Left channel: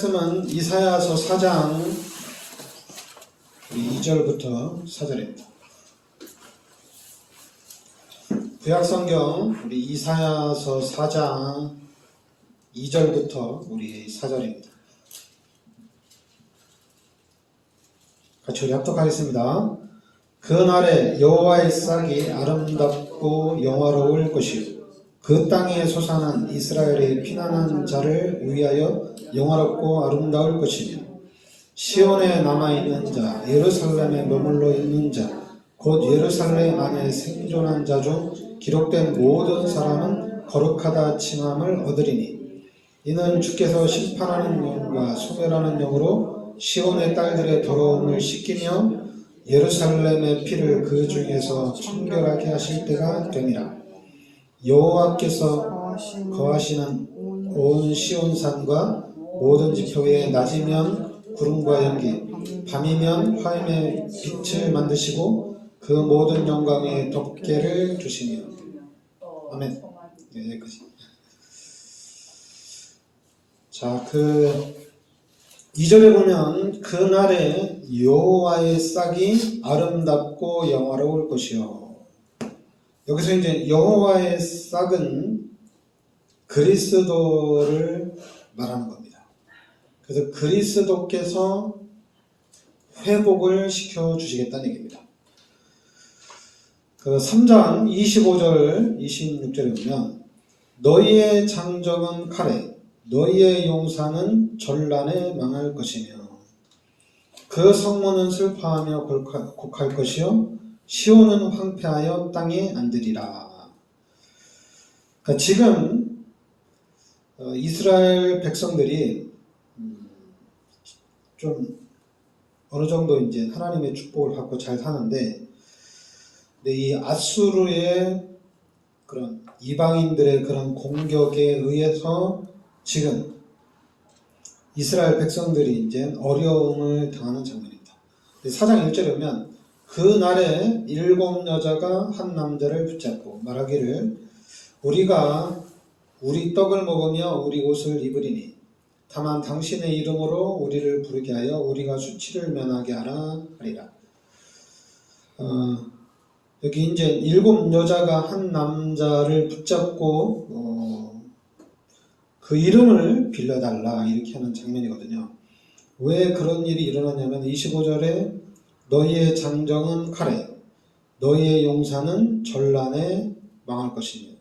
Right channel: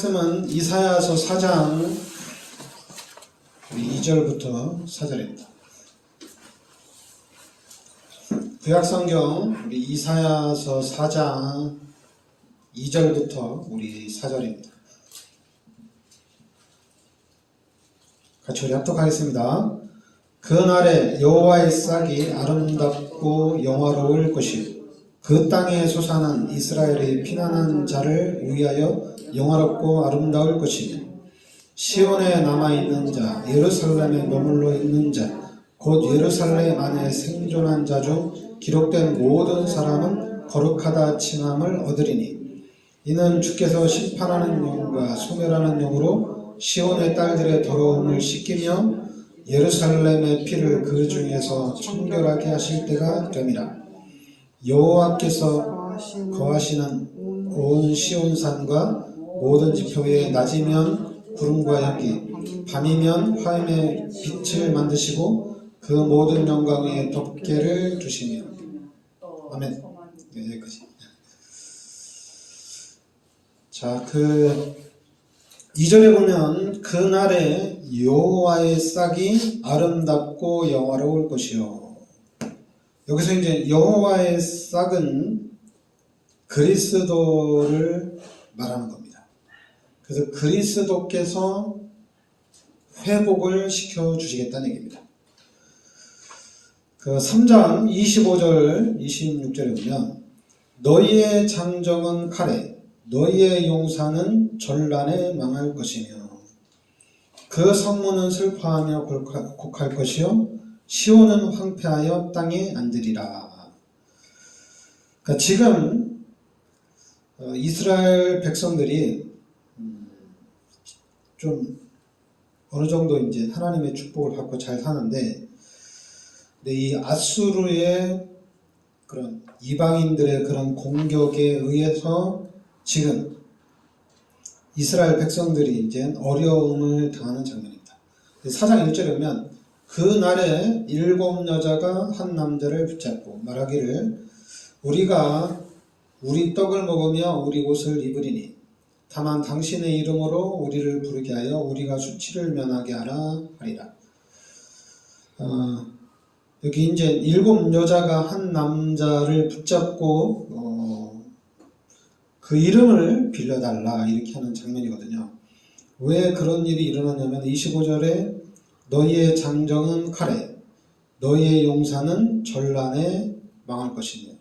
말씀은 이사야서 4장 2절부터 4절입니다. 구약성경 우리 이사야서 4장 2절부터 우리 4절입니다. 같이 우리 합독하겠습니다. 그날에 여호와의 싹이 아름답고 영화로울 것이요 그 땅에 솟아난 이스라엘의 피난한 자를 위하여 영화롭고 아름다울 것이며 시온에 남아있는 자 예루살렘에 머물러 있는 자 곧 예루살렘 안에 생존한 자 중 기록된 모든 사람은 거룩하다 칭함을 얻으리니 이는 주께서 심판하는 영과 소멸하는 영으로 시온의 딸들의 더러움을 씻기며 예루살렘의 피를 그 중에서 청결하게 하실 때가 됨이라. 여호와께서 거하시는 온 시온산과 모든 지표에 낮이면 구름과 연기, 밤이면 화염의 빛을 만드시고 그 모든 영광에 덮개를 두시며. 아멘. 네, 여기까지. 자, 2절에 보면 그날에 여호와의 싹이 아름답고 영화로울 것이요. 여기서 이제 여호와의 싹은 그리스도를 말하는 겁니다. 그래서 그리스도께서 회복을 시켜주시겠다는 얘기입니다. 3장 25절 26절에 보면 너희의 장정은 칼에 너희의 용사는 전란에 망할 것이며 그 성문은 슬퍼하며 곡할 것이요 시온은 황폐하여 땅에 앉으리라. 그러니까 지금 이스라엘 백성들이 좀 어느 정도 이제 하나님의 축복을 받고 잘 사는데, 이 아수르의 그런 이방인들의 그런 공격에 의해서 지금 이스라엘 백성들이 이제 어려움을 당하는 장면입니다. 4장 1절에 보면 그날에 7 여자가 한 남자를 붙잡고 말하기를 우리가 우리 떡을 먹으며 우리 옷을 입으리니 다만 당신의 이름으로 우리를 부르게 하여 우리가 수치를 면하게 하라 하리라. 여기 이제 7 여자가 한 남자를 붙잡고 그 이름을 빌려달라 이렇게 하는 장면이거든요. 왜 그런 일이 일어났냐면 25절에 너희의 장정은 칼에 너희의 용사는 전란에 망할 것이며,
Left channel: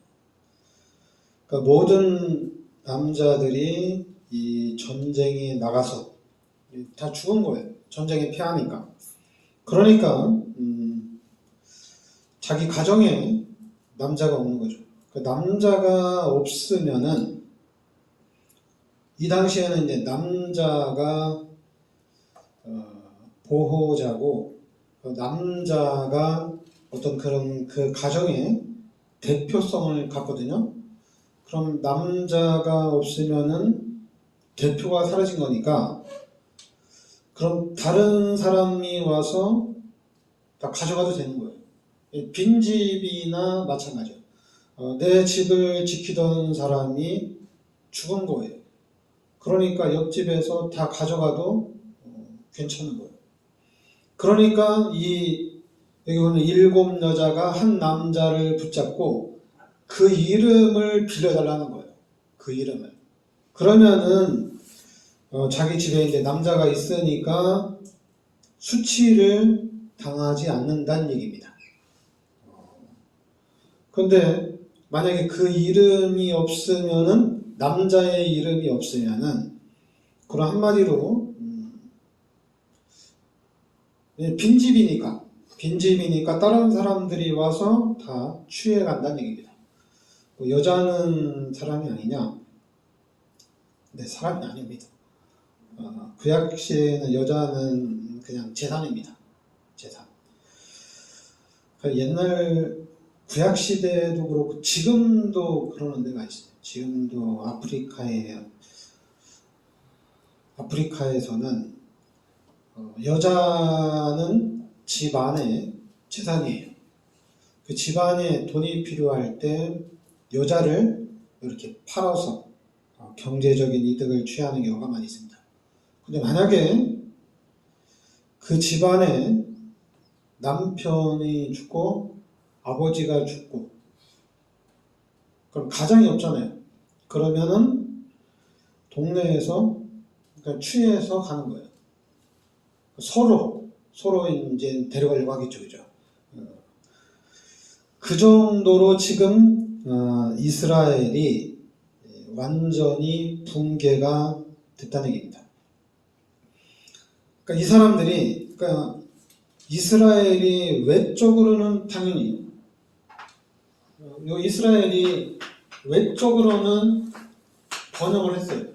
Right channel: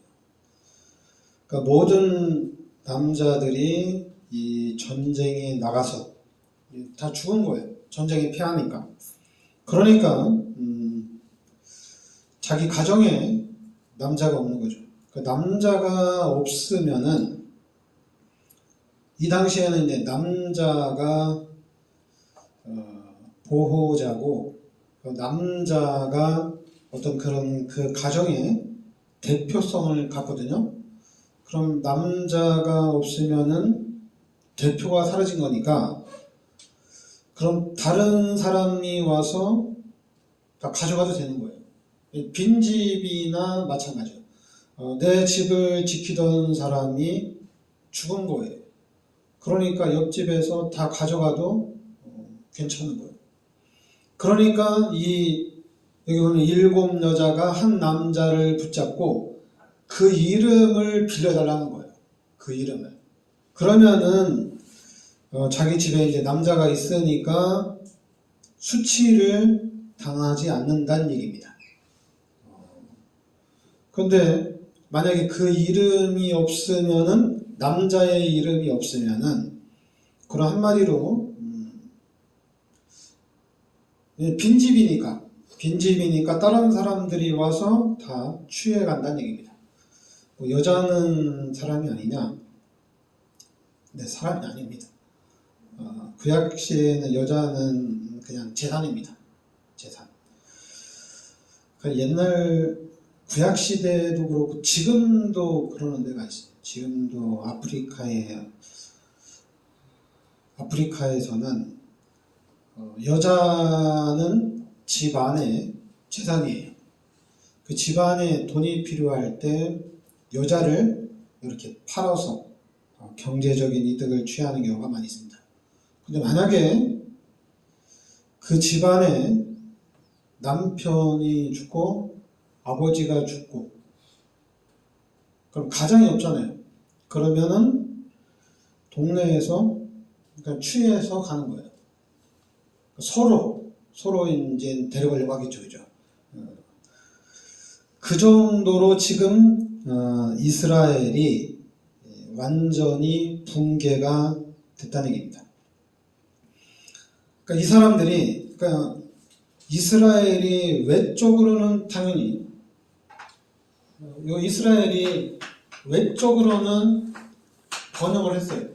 그러니까 모든 남자들이 이 전쟁에 나가서 다 죽은 거예요. 전쟁에 피하니까. 그러니까 자기 가정에 남자가 없는 거죠. 그러니까 남자가 없으면은 이 당시에는 이제 남자가 보호자고 남자가 어떤 그런 그 가정의 대표성을 갖거든요. 그럼 남자가 없으면은 대표가 사라진 거니까 그럼 다른 사람이 와서 다 가져가도 되는 거예요. 빈집이나 마찬가지예요. 내 집을 지키던 사람이 죽은 거예요. 그러니까 옆집에서 다 가져가도 괜찮은 거예요. 그러니까 여기 보면 7 여자가 한 남자를 붙잡고 그 이름을 빌려달라는 거예요. 그 이름을. 그러면은 자기 집에 이제 남자가 있으니까 수치를 당하지 않는다는 얘기입니다. 그런데 만약에 그 이름이 없으면은 남자의 이름이 없으면은 그런 한마디로 빈집이니까 다른 사람들이 와서 다 취해 간다는 얘기입니다. 여자는 사람이 아니냐? 네, 사람이 아닙니다. 구약 시에는 여자는 그냥 재산입니다. 재산. 옛날 구약 시대도 그렇고 지금도 그러는 데가 있어요. 지금도 아프리카에서는 여자는 집안의 재산이에요. 그 집안에 돈이 필요할 때 여자를 이렇게 팔아서 경제적인 이득을 취하는 경우가 많이 있습니다. 근데 만약에 그 집안에 남편이 죽고 아버지가 죽고 그럼 가장이 없잖아요. 그러면은 동네에서 그러니까 추해서 가는 거예요. 서로 이제 데려가려고 하겠죠, 그죠? 그 정도로 지금 이스라엘이 완전히 붕괴가 됐다는 얘기입니다. 그러니까 이 사람들이, 그러니까 이스라엘이 외적으로는 당연히, 요 이스라엘이 외적으로는 번영을 했어요.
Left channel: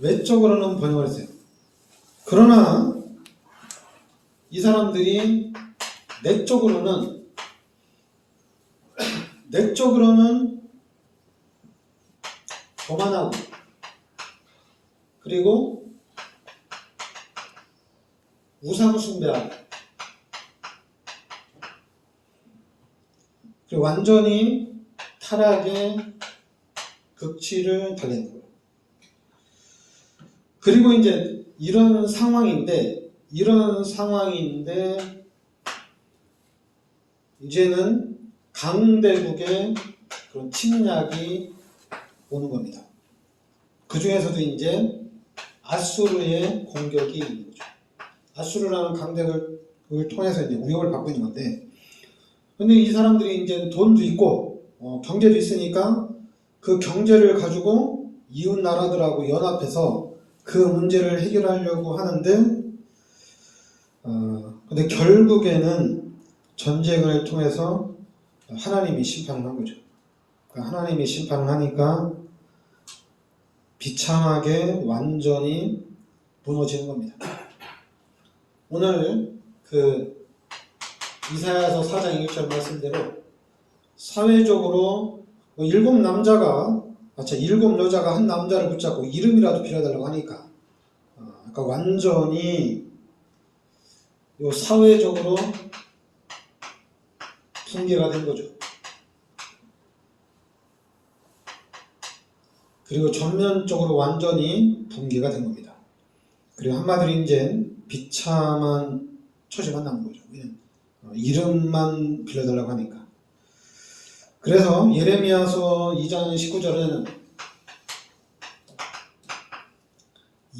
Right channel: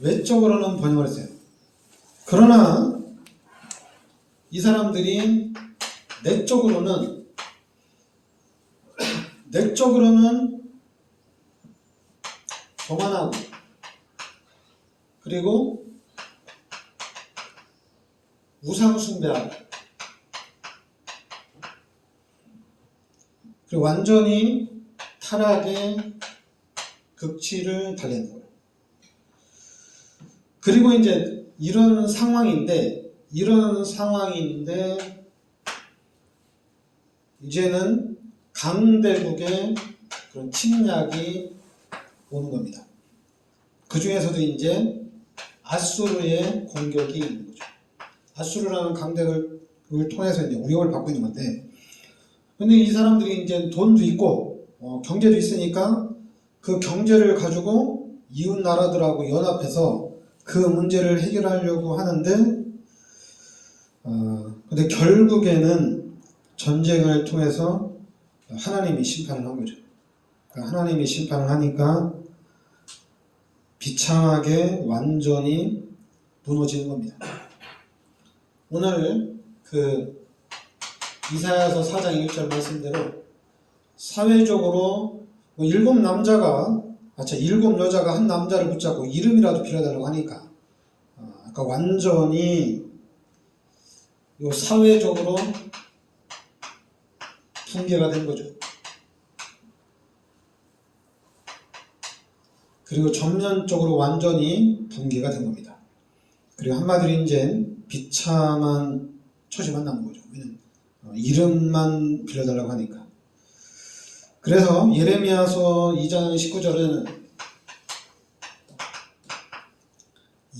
외적으로는 번영을 했어요. 그러나 이 사람들이 내적으로는 교만하고 그리고 우상숭배하고 그리고 완전히 타락의 극치를 달리는 거예요. 그리고 이제 이런 상황인데 이제는 강대국의 그런 침략이 오는 겁니다. 그 중에서도 이제 아수르의 공격이 있는 거죠. 아수르라는 강대국을 통해서 이제 위협을 받고 있는 건데, 근데 이 사람들이 이제 돈도 있고 경제도 있으니까 그 경제를 가지고 이웃 나라들하고 연합해서 그 문제를 해결하려고 하는데, 근데 결국에는 전쟁을 통해서 하나님이 심판을 한 거죠. 하나님이 심판을 하니까 비참하게 완전히 무너지는 겁니다. 오늘 그 이사야서 4장 1절 말씀대로 사회적으로 7 여자가 한 남자를 붙잡고 이름이라도 빌어달라고 하니까 아까 완전히 요 사회적으로 붕괴가 된 거죠. 그리고 전면적으로 완전히 붕괴가 된 겁니다. 그리고 한마디로 이제 비참한 처지만 남은 거죠. 이름만 빌려달라고 하니까. 그래서 예레미야서 2장 19절은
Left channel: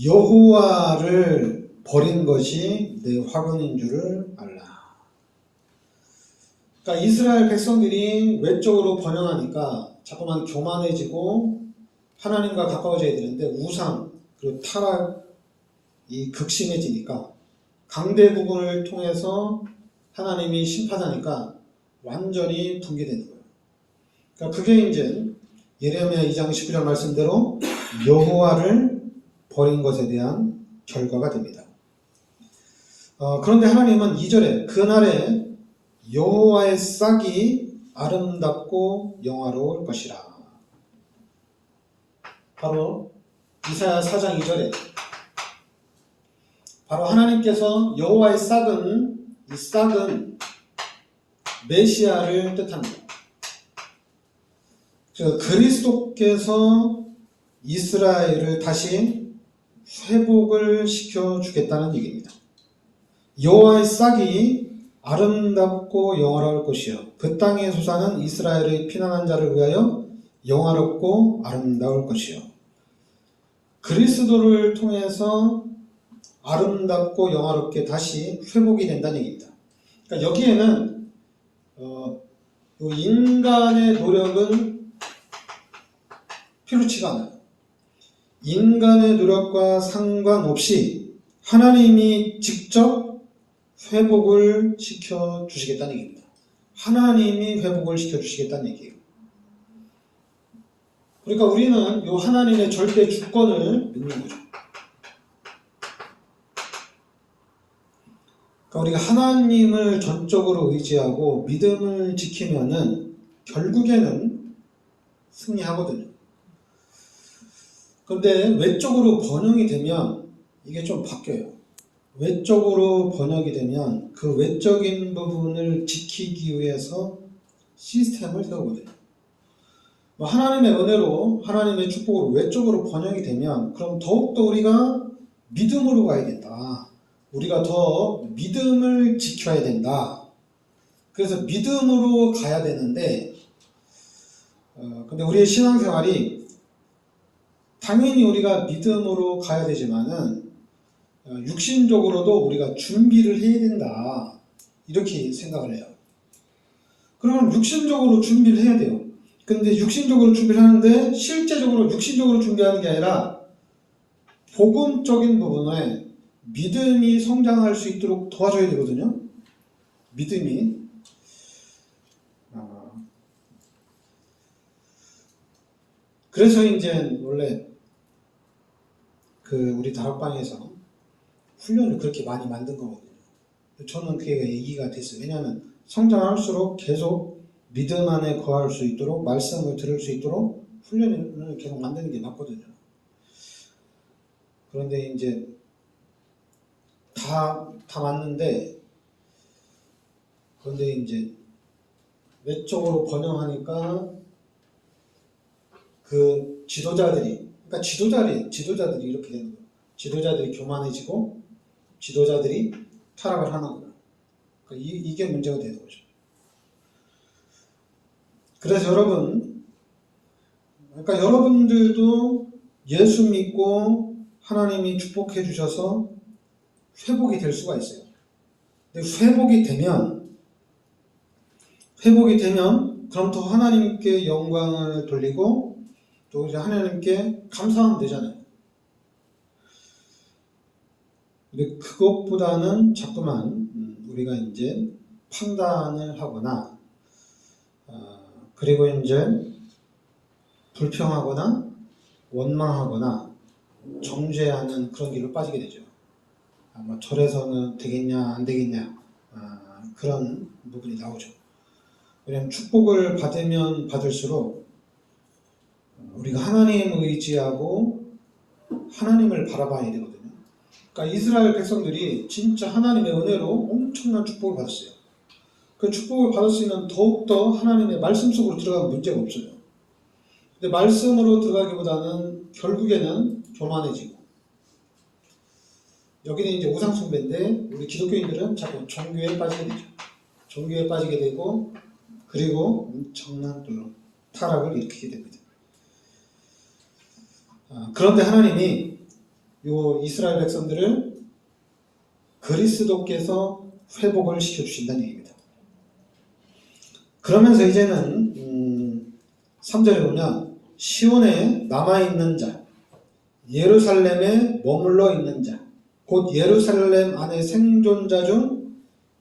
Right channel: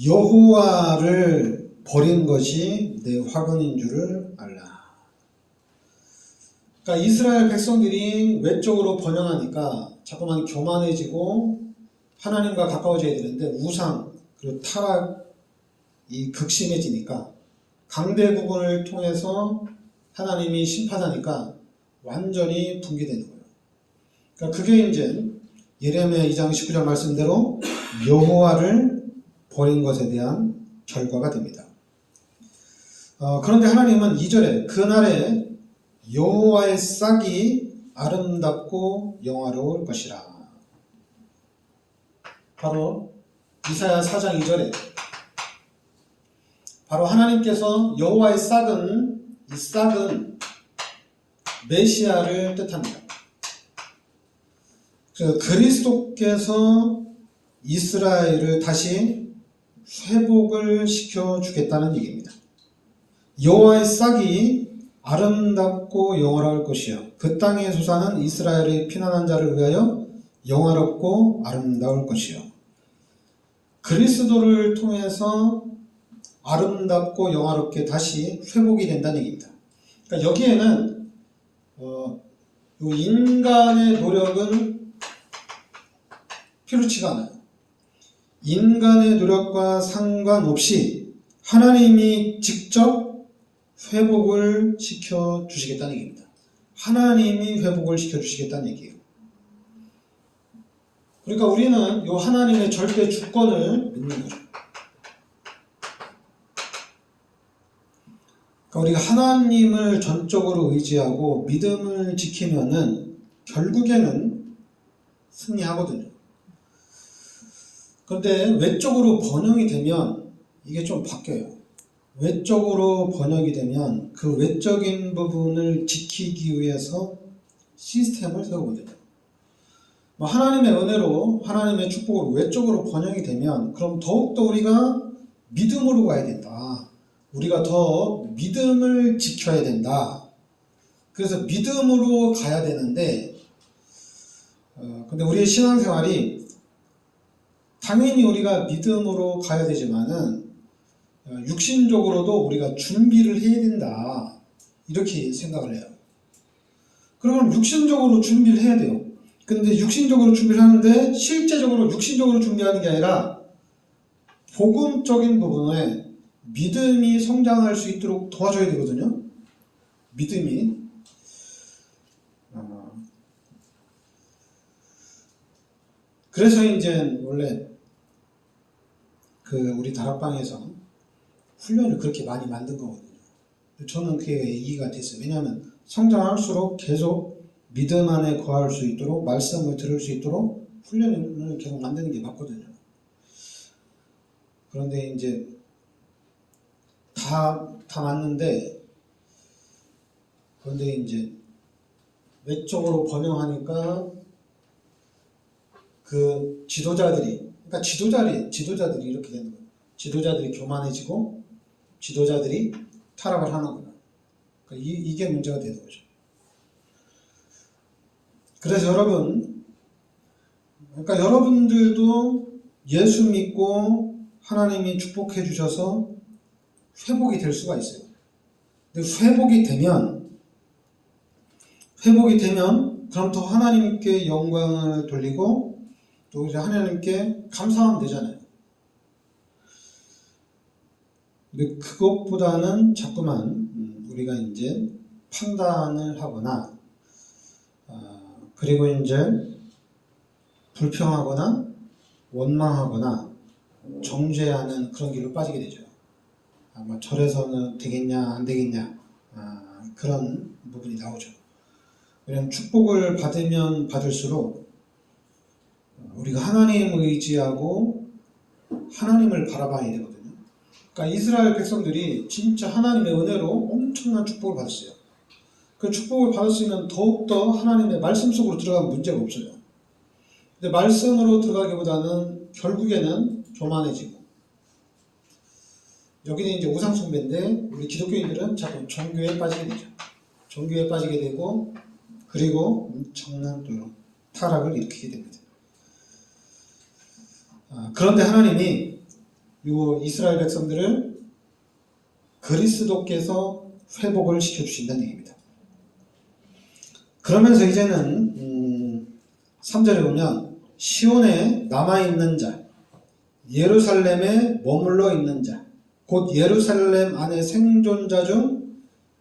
여호와를 버린 것이 내 화근인 줄을 알라. 그러니까 이스라엘 백성들이 외적으로 번영하니까 자꾸만 교만해지고 하나님과 가까워져야 되는데 우상 그리고 타락이 극심해지니까 강대국을 통해서 하나님이 심판하니까 완전히 붕괴되는 거예요. 그러니까 그게 이제 예레미야 2장 19절 말씀대로 여호와를 버린 것에 대한 결과가 됩니다. 그런데 하나님은 2절에 그날에 여호와의 싹이 아름답고 영화로울 것이라. 바로 이사야 4장 2절에 바로 하나님께서 여호와의 싹은 이 싹은 메시아를 뜻합니다. 그래서 그리스도께서 이스라엘을 다시 회복을 시켜주겠다는 얘기입니다. 여호와의 싹이 아름답고 영화로울 것이요 그 땅에 솟아난 이스라엘의 피난한 자를 위하여 영화롭고 아름다울 것이요. 그리스도를 통해서 아름답고 영화롭게 다시 회복이 된다는 얘기입니다. 그러니까 여기에는 인간의 노력은 필요치가 않아요. 인간의 노력과 상관없이 하나님이 직접 회복을 시켜주시겠다는 얘기입니다. 하나님이 회복을 시켜주시겠다는 얘기예요. 그러니까 우리는 이 하나님의 절대 주권을 믿는 거죠. 그러니까 우리가 하나님을 전적으로 의지하고 믿음을 지키면은 결국에는 승리하거든요. 그런데 외적으로 번영이 되면 이게 좀 바뀌어요. 외적으로 번영이 되면 그 외적인 부분을 지키기 위해서 시스템을 세우거든요. 하나님의 은혜로 하나님의 축복으로 외적으로 번영이 되면 그럼 더욱더 우리가 믿음으로 가야 된다. 우리가 더 믿음을 지켜야 된다. 그래서 믿음으로 가야 되는데 근데 우리의 신앙생활이 당연히 우리가 믿음으로 가야 되지만은 육신적으로도 우리가 준비를 해야 된다. 이렇게 생각을 해요. 그러면 육신적으로 준비를 해야 돼요. 근데 육신적으로 준비를 하는데 실제적으로 육신적으로 준비하는 게 아니라 복음적인 부분에 믿음이 성장할 수 있도록 도와줘야 되거든요. 믿음이. 그래서 이제 원래 우리 다락방에서 훈련을 그렇게 많이 만든 거거든요. 저는 그게 이해가 됐어요. 왜냐하면 성장할수록 계속 믿음 안에 거할 수 있도록 말씀을 들을 수 있도록 훈련을 계속 만드는 게 맞거든요. 그런데 이제 다 맞는데 그런데 이제 외적으로 번영하니까 그 지도자들이 그러니까 지도자들이 이렇게 되는 거예요. 지도자들이 교만해지고 지도자들이 타락을 하는 거예요. 그러니까 이게 문제가 되는 거죠. 그래서 그러니까 여러분들도 예수 믿고 하나님이 축복해 주셔서 회복이 될 수가 있어요. 근데 회복이 되면 그럼 더 하나님께 영광을 돌리고 또 이제 하나님께 감사하면 되잖아요. 근데 그것보다는 자꾸만 우리가 이제 판단을 하거나 그리고 이제 불평하거나 원망하거나 정죄하는 그런 길로 빠지게 되죠. 절에서는 되겠냐 안 되겠냐 그런 부분이 나오죠. 왜냐하면 축복을 받으면 받을수록 우리가 하나님 의지하고 하나님을 바라봐야 되거든요. 그러니까 이스라엘 백성들이 진짜 하나님의 은혜로 엄청난 축복을 받았어요. 그 축복을 받을 수 있는 더욱더 하나님의 말씀 속으로 들어가면 문제가 없어요. 근데 말씀으로 들어가기보다는 결국에는 교만해지고 여기는 이제 우상숭배인데 우리 기독교인들은 자꾸 종교에 빠지게 되죠. 종교에 빠지게 되고 그리고 엄청난 또 타락을 일으키게 됩니다. 그런데 하나님이 이 이스라엘 백성들을 그리스도께서 회복을 시켜주신다는 얘기입니다. 그러면서 이제는 3절에 보면 시온에 남아있는 자, 예루살렘에 머물러 있는 자, 곧 예루살렘 안에 생존자 중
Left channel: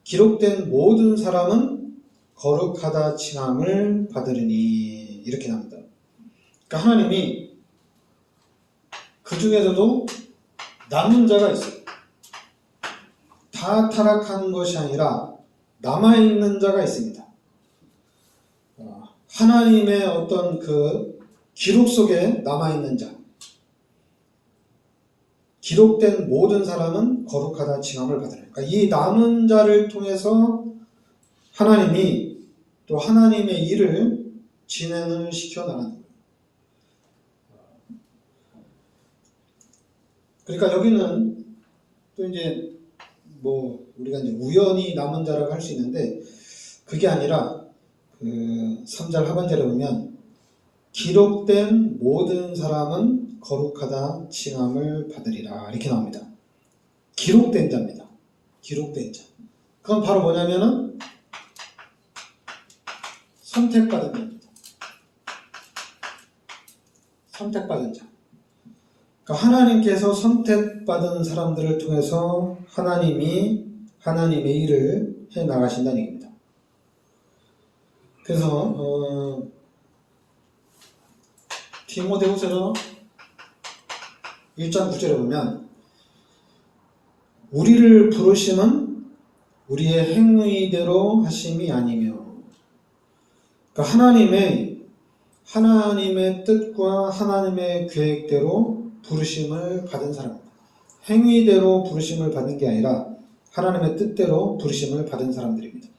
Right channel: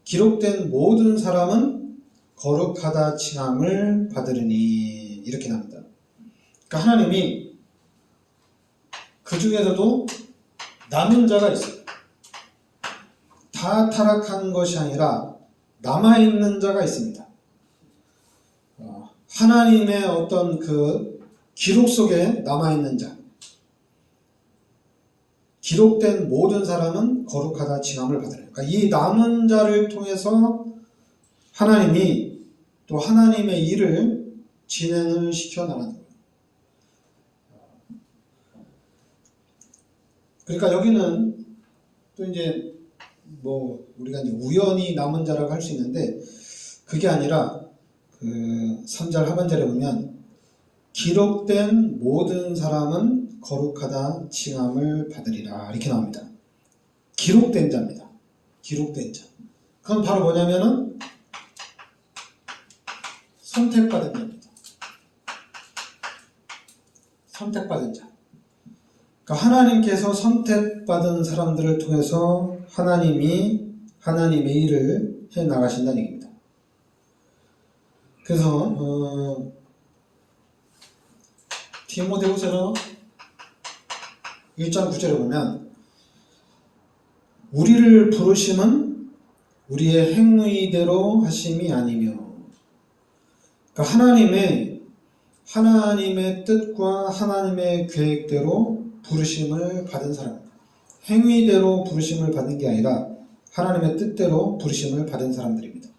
기록된 모든 사람은 거룩하다 칭함을 받으리니 이렇게 나옵니다. 그러니까 하나님이 그 중에서도 남은 자가 있어요. 다 타락한 것이 아니라 남아있는 자가 있습니다. 하나님의 어떤 그 기록 속에 남아있는 자, 기록된 모든 사람은 거룩하다 칭함을 받으라. 그러니까 이 남은 자를 통해서 하나님이 또 하나님의 일을 진행을 시켜 나가는 거예요. 그러니까 여기는 또 이제 우리가 이제 우연히 남은 자라고 할 수 있는데 그게 아니라 3절 하반절에 보면 기록된 모든 사람은 거룩하다 칭함을 받으리라 이렇게 나옵니다. 기록된 자입니다. 기록된 자. 그건 바로 뭐냐면은 선택받은 자입니다. 선택받은 자. 그러니까 하나님께서 선택받은 사람들을 통해서 하나님이 하나님의 일을 해 나가신다는 얘기입니다. 그래서 디모데후서 1장 9절에 보면 우리를 부르심은 우리의 행위대로 하심이 아니며 그러니까 하나님의 뜻과 하나님의 계획대로 부르심을 받은 사람, 행위대로 부르심을 받는 게 아니라 하나님의 뜻대로 부르심을 받은 사람들입니다.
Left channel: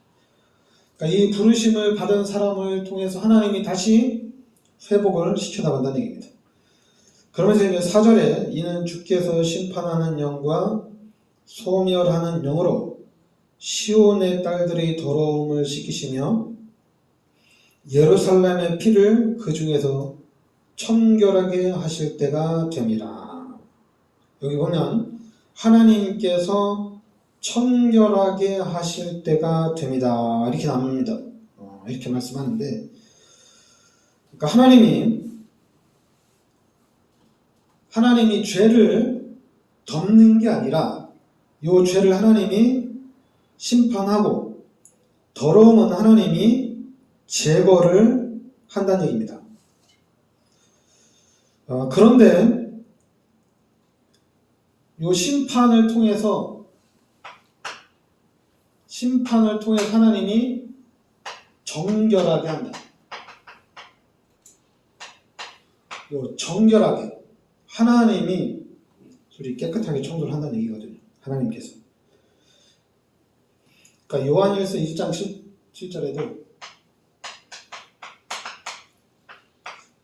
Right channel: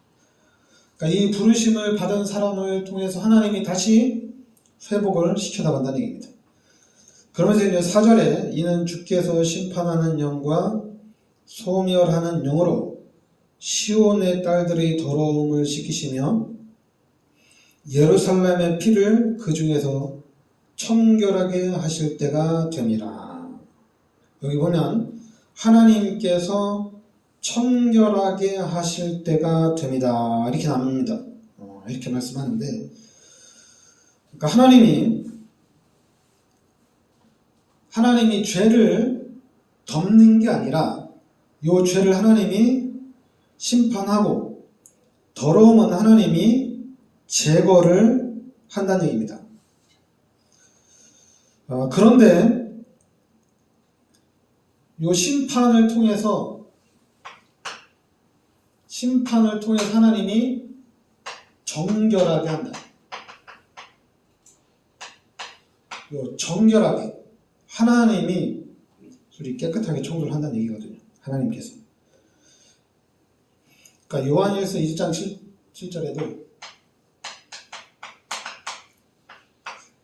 그러니까 이 부르심을 받은 사람을 통해서 하나님이 다시 회복을 시켜나간다는 얘기입니다. 그러면서 이제 4절에 이는 주께서 심판하는 영과 소멸하는 영으로 시온의 딸들의 더러움을 씻기시며 예루살렘의 피를 그 중에서 청결하게 하실 때가 됨이라. 여기 보면 하나님께서 청결하게 하실 때가 됩니다. 이렇게 나옵니다. 이렇게 말씀하는데, 그러니까 하나님이 죄를 덮는 게 아니라 이 죄를 하나님이 심판하고 더러움은 하나님이 제거를 한다는 얘기입니다. 그런데 이 심판을 통해서 하나님이 정결하게 한다. 요 정결하게 하나님이 우리 깨끗하게 청소를 한다는 얘기거든요. 하나님께서. 그러니까 요한일서 20장 7절에도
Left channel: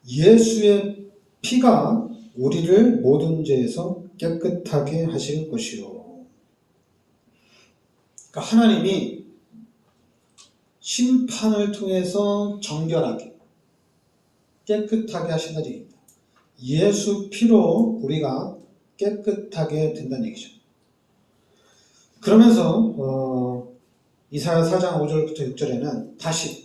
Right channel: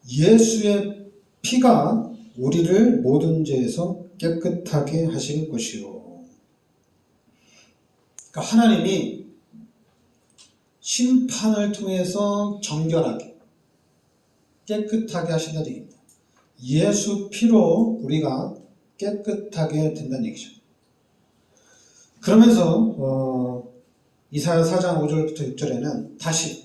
예수의 피가 우리를 모든 죄에서 깨끗하게 하실 것이요. 그러니까 하나님이 심판을 통해서 정결하게 깨끗하게 하신다는 얘기입니다. 예수 피로 우리가 깨끗하게 된다는 얘기죠. 그러면서 이사야 4장 5절부터 6절에는 다시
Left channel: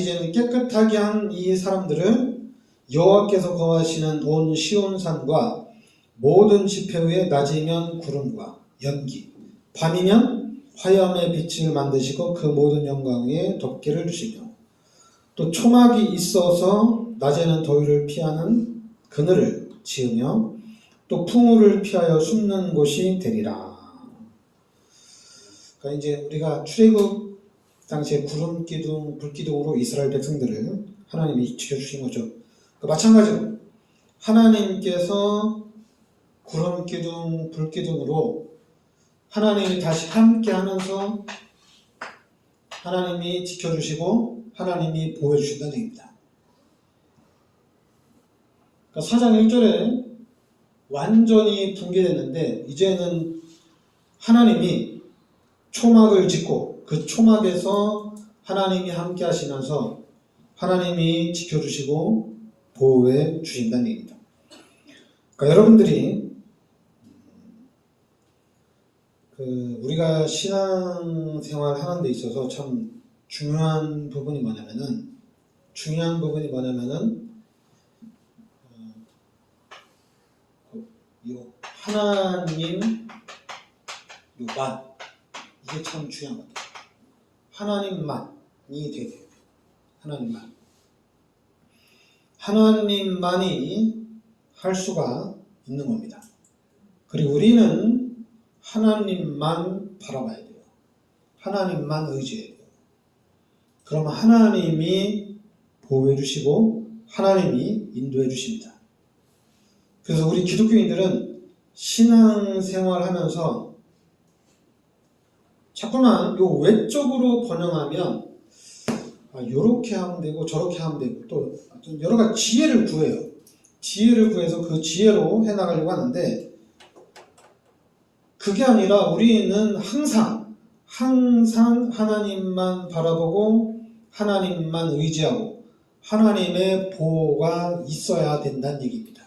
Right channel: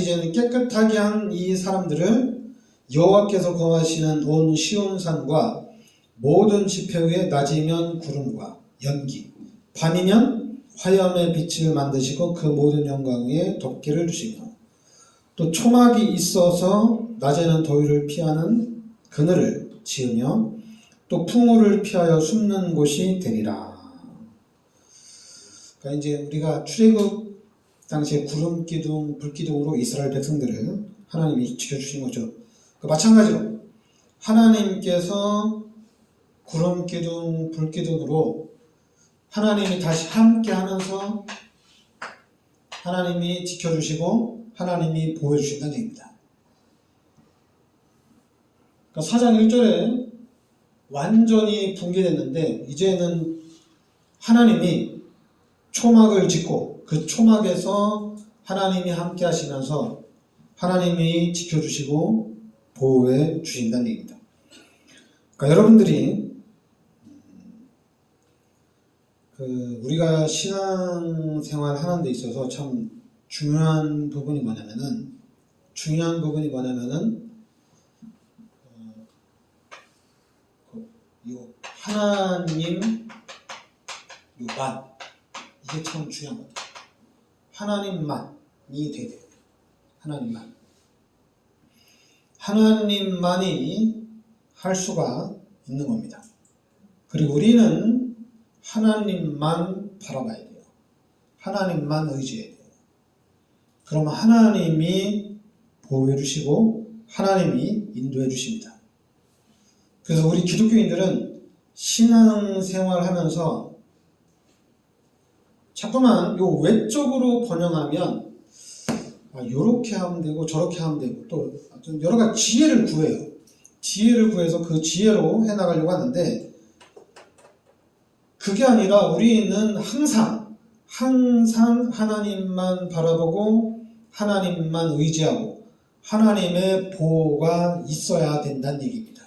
이제는 깨끗하게 한 이 사람들은 여호와께서 거하시는 온 시온산과 모든 지폐 위에 낮이면 구름과 연기, 밤이면 화염의 빛을 만드시고 그 모든 영광 위에 덮개를 주시며 또 초막이 있어서 낮에는 더위를 피하는 그늘을 지으며 또 풍우를 피하여 숨는 곳이 되리라. 그러니까 이제 우리가 출애굽 당시에 구름 기둥, 불 기둥으로 이스라엘 백성들을 하나님이 지켜주신 거죠. 마찬가지로 하나님께서 구름 기둥, 불 기둥으로 하나님이 다시 함께 하면서 하나님이 지켜주시고 하나님이 보호해 주신다는 얘기입니다. 그러니까 4장 1절에 완전히 붕괴됐는데 이제는 하나님이 초막을 짓고 그 초막에서 하나님이 함께 하시면서 하나님이 지켜주시고 보호해 주신다는 얘기입니다. 그러니까 여러분들이 우리가 신앙생활 하는 데 있어서 참 중요한 부분이 뭐냐면은 하나님만 이게 참 중요한 것 같아요. 하나님만이 돼야 돼요. 하나님만이 할 수가 있는 겁니다. 그리고 우리는 하나님만 바라봐야 돼요. 하나님만 의지해야 돼요. 그러면 하나님이 보호해 주시고 하나님이 인도해 주십니다. 그래서 우리 기독교인들은 신앙생활 하면서 자꾸만 요 외적으로 번영하면 요렇게 하면 되고 저렇게 하면 되고 또 여러 가지 지혜를 구해요. 지혜를 구해서 그 지혜로 해나가려고 하는데 그게 아니라 우리는 항상 하나님만 바라보고 하나님만 의지하고 하나님의 보호가 있어야 된다는 얘기입니다.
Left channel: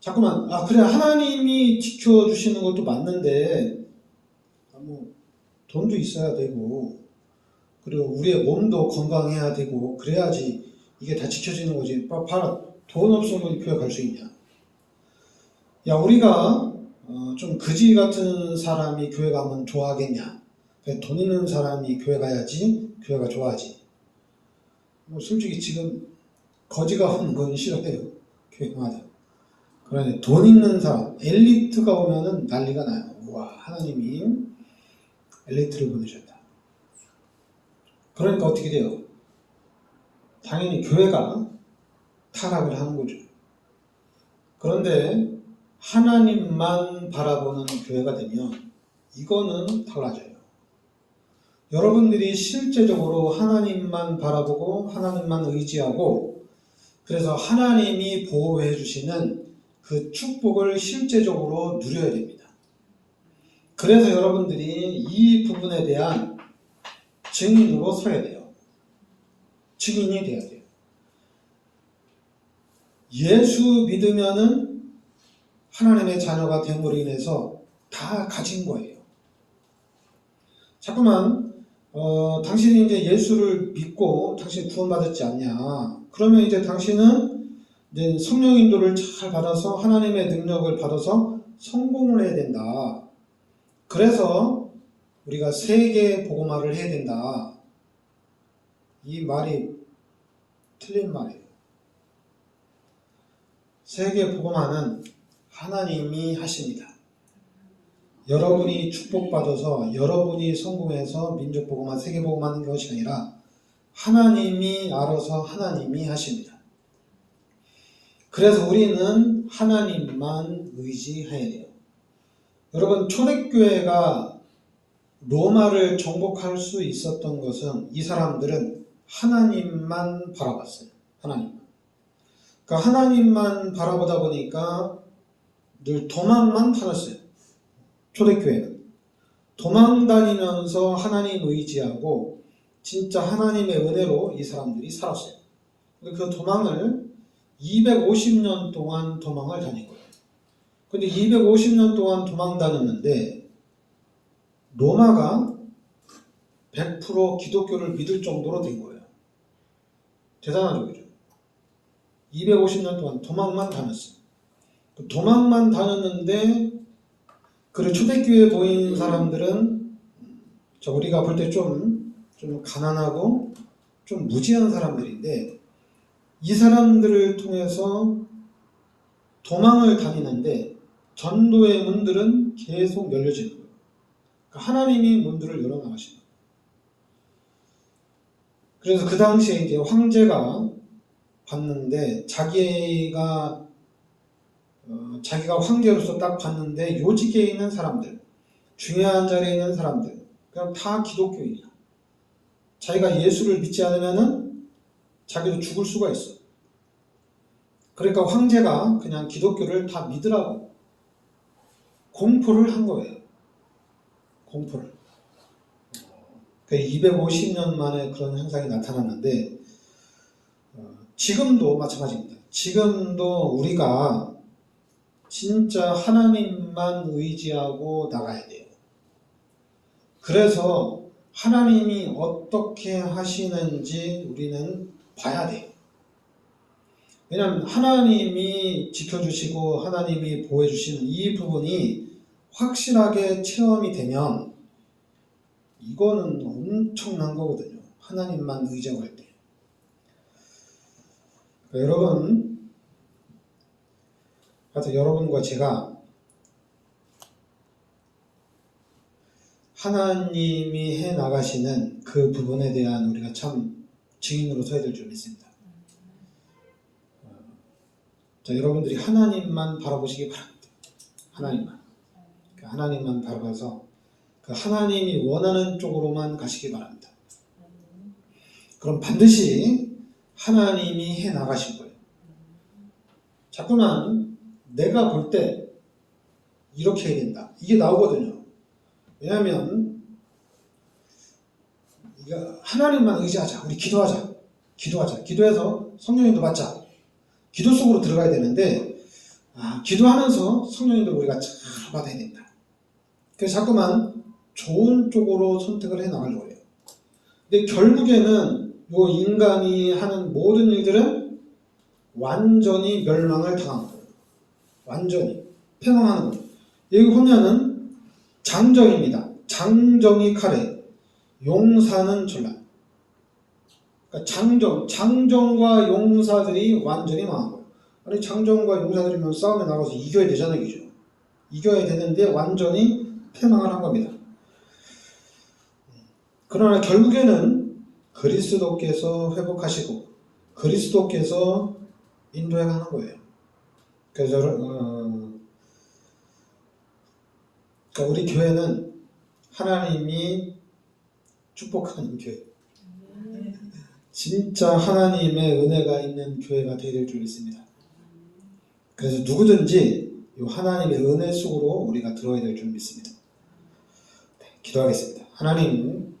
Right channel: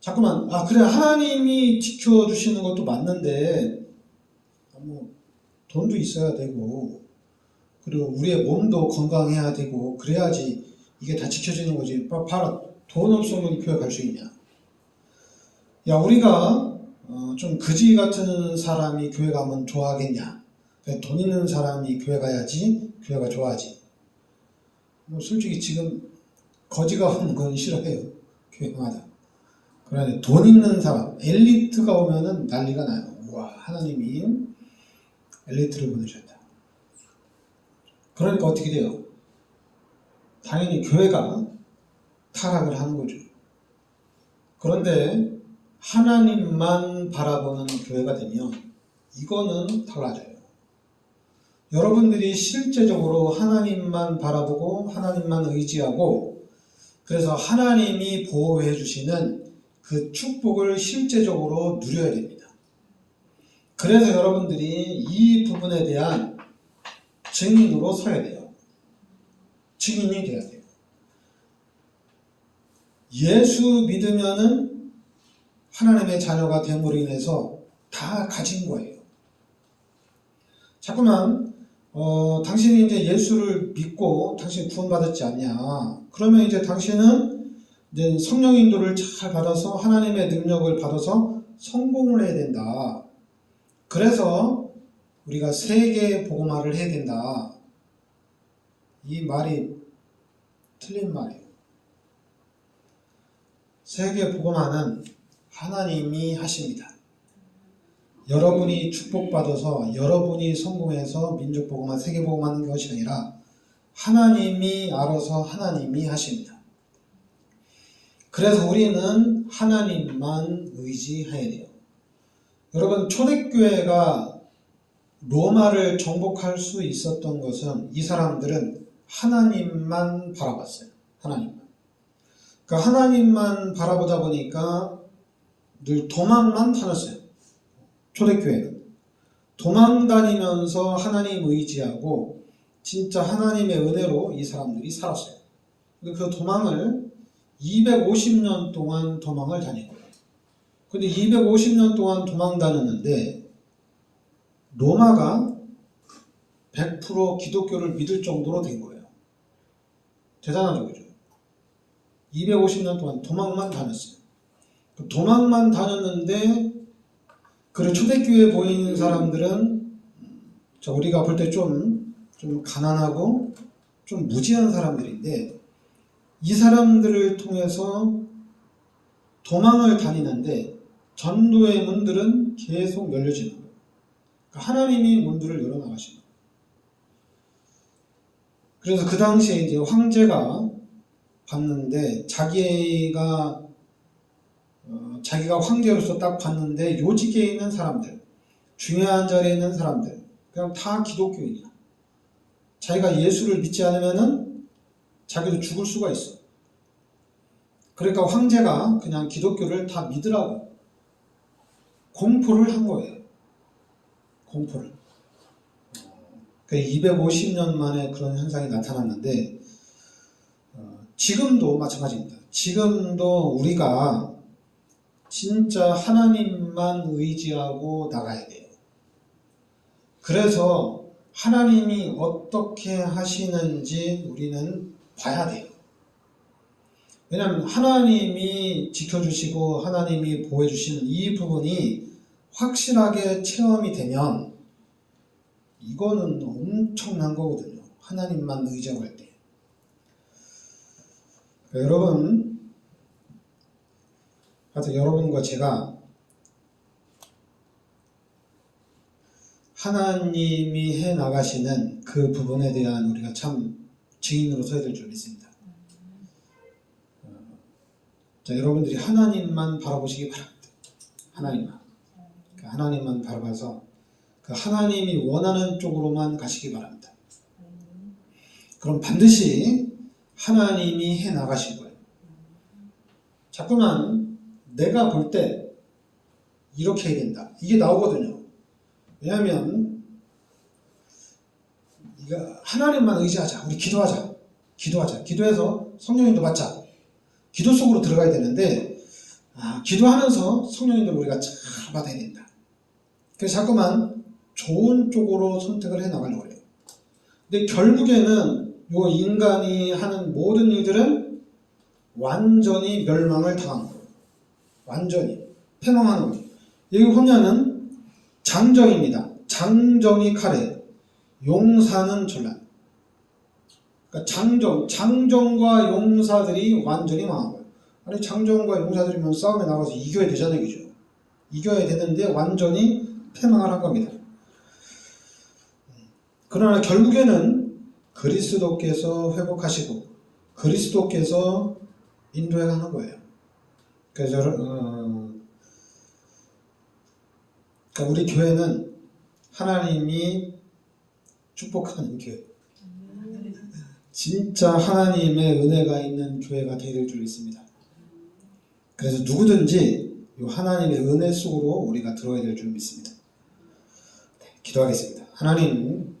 자꾸만 그래 하나님이 지켜주시는 것도 맞는데 돈도 있어야 되고 그리고 우리의 몸도 건강해야 되고 그래야지 이게 다 지켜지는 거지. 봐라 돈 없으면 교회 갈 수 있냐. 야 우리가 좀 거지 같은 사람이 교회 가면 좋아하겠냐. 돈 있는 사람이 교회 가야지 교회가 좋아하지. 솔직히 지금 거지가 오는 건 싫어해요. 교회마다. 그러니 돈 있는 사람, 엘리트가 오면은 난리가 나요. 와 하나님이 엘리트를 보내셨다. 그러니까 어떻게 돼요? 당연히 교회가 타락을 하는 거죠. 그런데 하나님만 바라보는 교회가 되면 이거는 달라져요. 여러분들이 실제적으로 하나님만 바라보고 하나님만 의지하고 그래서 하나님이 보호해 주시는 그 축복을 실제적으로 누려야 됩니다. 그래서 여러분들이 이 부분에 대한 증인으로 서야 돼요. 증인이 돼야 돼요. 예수 믿으면은 하나님의 자녀가 됨으로 인해서 다 가진 거예요. 자꾸만 당신이 이제 예수를 믿고 당신이 구원받았지 않냐? 그러면 이제 당신은 이제 성령 인도를 잘 받아서 하나님의 능력을 받아서 성공을 해야 된다. 그래서 우리가 세계 복음화를 해야 된다. 이 말이 틀린 말이에요. 세계 복음화는 하나님이 하십니다. 여러분이 축복받아서 여러분이 성공해서 민족 복음화, 세계 복음화하는 것이 아니라 하나님이 알아서 하나님이 하십니다. 그래서 우리는 하나님만 의지해야 돼요. 여러분, 초대교회가 로마를 정복할 수 있었던 것은 이 사람들은 하나님만 바라봤어요. 하나님만. 그러니까 하나님만 바라보다 보니까 늘 도망만 다녔어요. 초대교회는. 도망 다니면서 하나님 의지하고 진짜 하나님의 은혜로 이 사람들이 살았어요. 그 도망을 250년 동안 도망을 다닌 거예요. 근데 250년 동안 도망 다녔는데 로마가 100% 기독교를 믿을 정도로 된 거예요. 대단하죠, 그죠? 250년 동안 도망만 다녔어요. 도망만 다녔는데 그리고 초대교회에 보이는 사람들은 우리가 볼 때 좀 가난하고 좀 무지한 사람들인데 이 사람들을 통해서 도망을 다니는데 전도의 문들은 계속 열려지는 거예요. 그러니까 하나님이 문들을 열어나가시는 거예요. 그래서 그 당시에 이제 황제가 봤는데 자기가 황제로서 딱 봤는데 요직에 있는 사람들, 중요한 자리에 있는 사람들, 그냥 다 기독교인이야. 자기가 예수를 믿지 않으면은 자기도 죽을 수가 있어. 그러니까 황제가 그냥 기독교를 다 믿으라고 공포를 한 거예요. 공포를. 250년 만에 그런 현상이 나타났는데 지금도 마찬가지입니다. 지금도 우리가 진짜 하나님만 의지하고 나가야 돼요. 그래서 하나님이 어떻게 하시는지 우리는 봐야 돼요. 왜냐하면 하나님이 지켜주시고 하나님이 보호해주시는 이 부분이 확실하게 체험이 되면 이거는 엄청난 거거든요. 하나님만 의지할 때. 그러니까 여러분과 제가 하나님이 해 나가시는 그 부분에 대한 우리가 참 증인으로 서야 될 줄 믿습니다. 여러분들이 하나님만 바라보시기 바랍니다. 하나님만. 하나님만 바라봐서 그 하나님이 원하는 쪽으로만 가시기 바랍니다. 그럼 반드시 하나님이 해 나가실 거예요. 자꾸만 내가 볼 때 이렇게 해야 된다. 이게 나오거든요. 왜냐하면 하나님만 의지하자. 우리 기도하자. 기도해서 성령님도 받자. 기도 속으로 들어가야 되는데 기도하면서 성령님도 우리가 잘 받아야 된다. 그래서 자꾸만 좋은 쪽으로 선택을 해 나가려고 해요. 근데 결국에는 요 인간이 하는 모든 일들은 완전히 멸망을 당한 거예요. 완전히 패망하는 거예요. 여기 보면은 장정입니다. 장정이 칼에, 용사는 전란. 그러니까 장정과 용사들이 완전히 망한 거예요. 아니 장정과 용사들이면 싸움에 나가서 이겨야 되잖아요, 그죠? 이겨야 되는데 완전히 패망을 한 겁니다. 그러나 결국에는 그리스도께서 회복하시고 그리스도께서 인도해 가는 거예요. 그래서 그러니까 우리 교회는 하나님이 축복하는 교회, 진짜 하나님의 은혜가 있는 교회가 되어야 될 줄 믿습니다. 그래서 누구든지 이 하나님의 은혜 속으로 우리가 들어야 될 줄 믿습니다. 네, 기도하겠습니다. 하나님,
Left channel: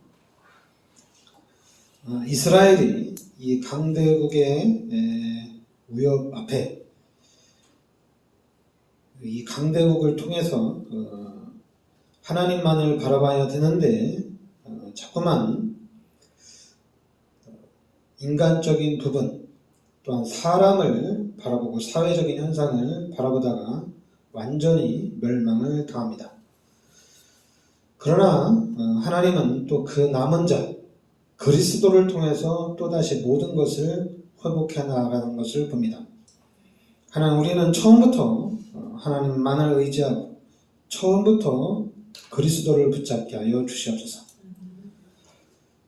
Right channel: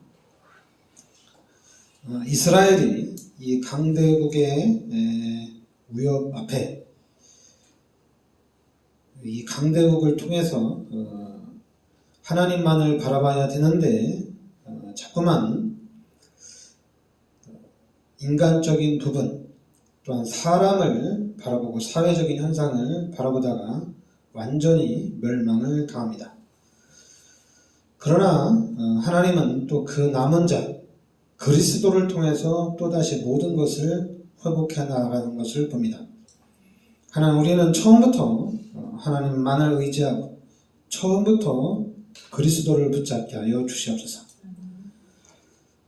이스라엘이 이 강대국의 위협 앞에 이 강대국을 통해서 하나님만을 바라봐야 되는데 자꾸만 인간적인 부분 또한 사람을 바라보고 사회적인 현상을 바라보다가 완전히 멸망을 당합니다. 그러나 하나님은 또 그 남은 자 그리스도를 통해서 또다시 모든 것을 회복해 나가는 것을 봅니다. 하나님, 우리는 처음부터 하나님만을 의지하고 처음부터 그리스도를 붙잡게 하여 주시옵소서.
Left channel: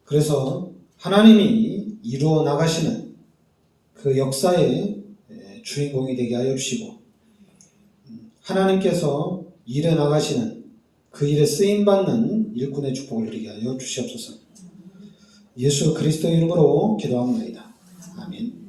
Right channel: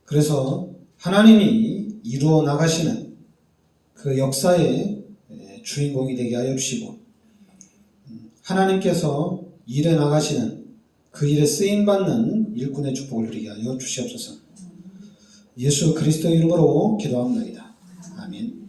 그래서 하나님이 이루어 나가시는 그 역사의 주인공이 되게 하여 주시고 하나님께서 일해 나가시는 그 일에 쓰임받는 일꾼의 축복을 누리게 하여 주시옵소서. 예수 그리스도의 이름으로 기도합니다. 아멘.